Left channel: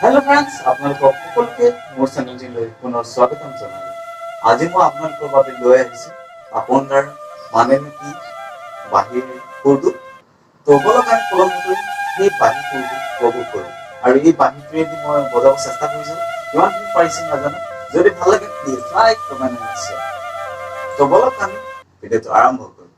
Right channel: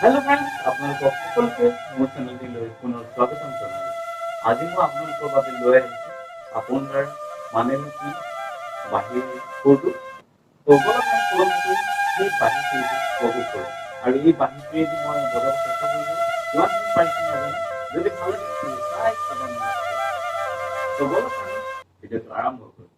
Hello friends আপোনালোকক সকলোকে মোৰ চেনেলটিলৈ পুনৰ স্বাগতম জনালোঁ। আজি মই আপোনালোকৰ বাবে লৈ আহিছোঁ আপোনাৰ মানেনো কি বাঁহীৰ সুৰটো। তো বলক আমি পলমকৈ সেই বাঁহী সুৰটো উপভোগ কৰোঁ। আৰু এই বাঁহীটোৱেদি মই বজাব চেষ্টা কৰিছোঁ, কিমানখিনি পাৰিছোঁ নাজানো। যদি ভাল লাগে প্লিজ লাইক কমেণ্ট আৰু শ্বেয়াৰ। তো বলক আমি ভিডিঅ'টো আৰম্ভ কৰোঁ।